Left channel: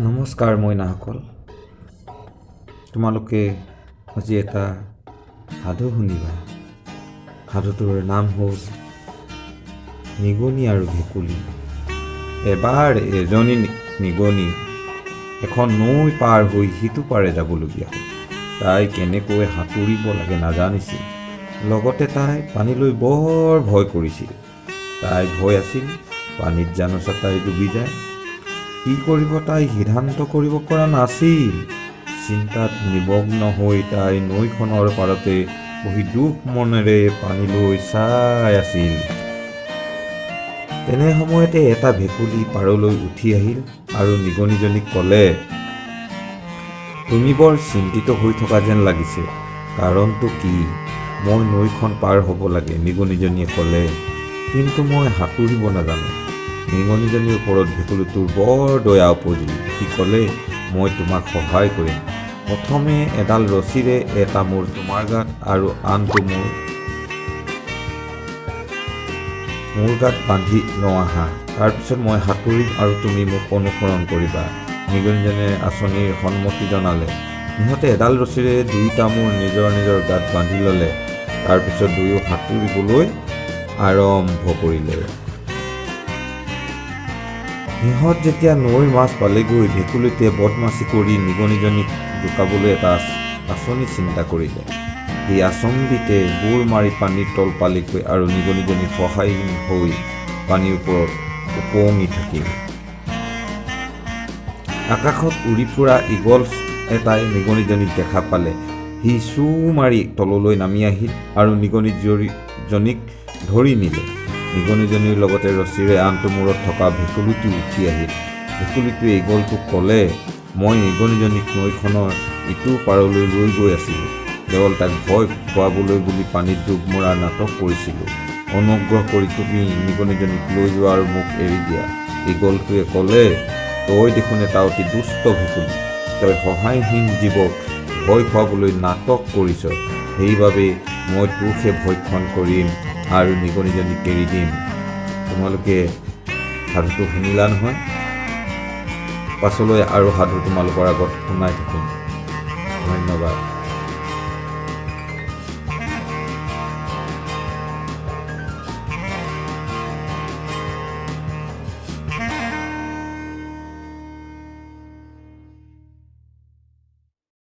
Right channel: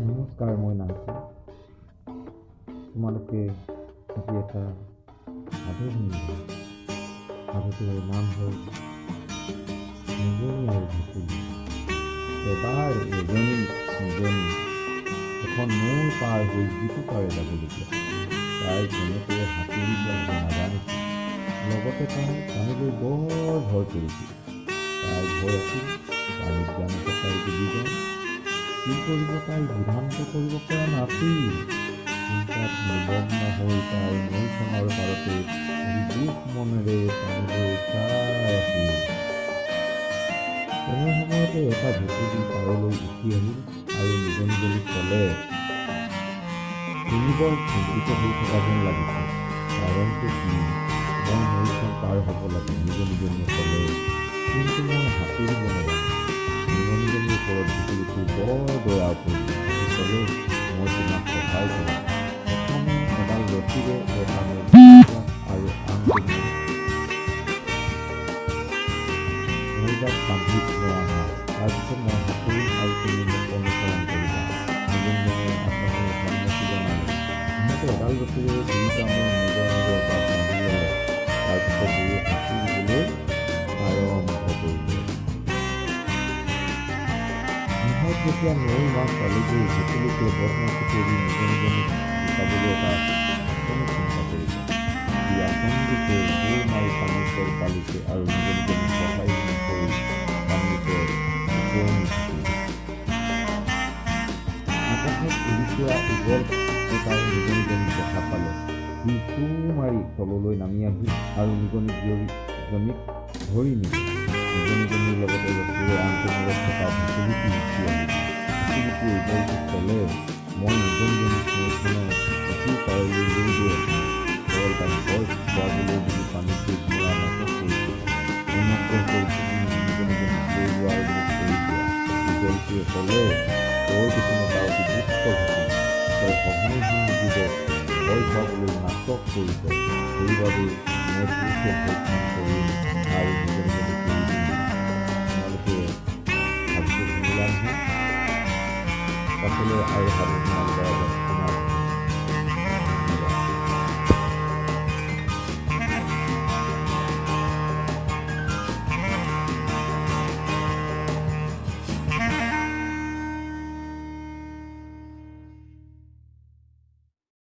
নমস্কাৰ মইনাসকল, তোমালোকে আজি এটা সাধু শুনিবা। সাধুটোৰ নাম হ'ল নিগনি আৰু ভেকুলী। এবাৰ এজনী নিগনি এখন নৈ পাৰ হৈ সিটো পাৰে যাবলগীয়া। তাই কেনেকৈ সাঁতুৰিব লাগে নাজানিছিল। লগতে তাই পানীলৈ বৰ ভয় কৰিছিল। তাই ভয় আছিল পানীত জানো তাই ডুবি যায়। কি কৰিব তাই সিদ্ধান্ত কৰিব পৰা নাছিল। চিন্তাত নিমগ্ন হৈ তাই নৈখনৰ পাৰতে বহি দুখ মনেৰে পানীলৈ চাই আছিল। তেনে সময়তে এটা ভেকুলী পাৰলৈ উঠি আহিল আৰু নিগনিজনীক ক'লে, তুমি বৰ চিন্তিত হৈ থকা যেন লাগিছে, কাৰণটো কি? মই নৈখন পাৰ হ'ব লাগে, নিগনিজনীয়ে ক'লে, কিন্তু মই সাঁতুৰিব নাজানো। নিগনিজনীৰ ওপৰত ভেকুলীটোৰ বৰ দয়া পৰিল। সি ক'লে, মই তোমাক সহায় কৰিম। প্ৰথমে এডাল ৰছীৰে এটা মোৰ তোমাৰ গাত আৰু আনটো মোৰ গাত বান্ধি লওঁ আহা। তাৰপিছত মই সাঁতুৰিম আৰু তুমি মোক অনুসৰণ কৰিবা। নিগনিজনীয়ে আঁচনিৰ সন্মতি জনালে। সিহঁতে এডাল ৰছীৰে দুয়োটা মোৰ নিজৰ নিজৰ গাত বান্ধি ল'লে। তাৰপিছত দুয়ো সাঁতুৰিবলৈ আৰম্ভ কৰিলে। সিহঁত যেতিয়া নৈৰ মাছ পালেগৈ, ভেকুলীটোৱে বদমাচি কৰি নিগনিজনীক জোকাবলৈ এটা আঁচনি চিন্তা কৰিলে। সি আচম্বিতে বুৰ মাৰি পানীৰ তল পালেগৈ আৰু নিগনিজনী সহায়হীন হৈ পানীৰ ওপৰত উপঙি থাকিল। আকাশত উৰি ফুৰা ঈগল এটাই নিগনিজনীক দেখা পালে। সি চু মাৰি তললৈ নামি আহিল আৰু নিগনিজনীক ধৰি নিলে। নিগনিজনীৰ লগতে ৰছীৰে আনটো মূৰত থকা ভেকুলীটো উঠি আহিল। ভেকুলীটোৱে ঈগলটোক ক'লে, মই নিগনিজনীক নৈখনৰ ইটো পাৰলৈ লৈ গৈ আছিলোঁ। কেৱল তাক ভয় খুৱাবলৈ বুলি পানীত ডুব মৰাৰ নাটক কৰিছিলোঁ। অনুগ্ৰহ কৰি তুমি নিগনিজনীক লৈ যোৱা আৰু মোক এৰি দিয়া। ঈগলটোৱে ক'লে, তই দেখোন এটা অতি দুষ্ট ভেকুলী। তই সহায়হীন জীৱক ভয় খুৱাবলৈ নাটক কৰিছ। সেইবাবে মই তোকহে ভক্ষণ কৰিম আৰু নিগনিজনীক এৰি দিম। তোমালোকে সাধুটো শুনিলা নহয়? পাছলৈ আৰু সাধু তোমালোকৰ আগত শুনাই থাকিম।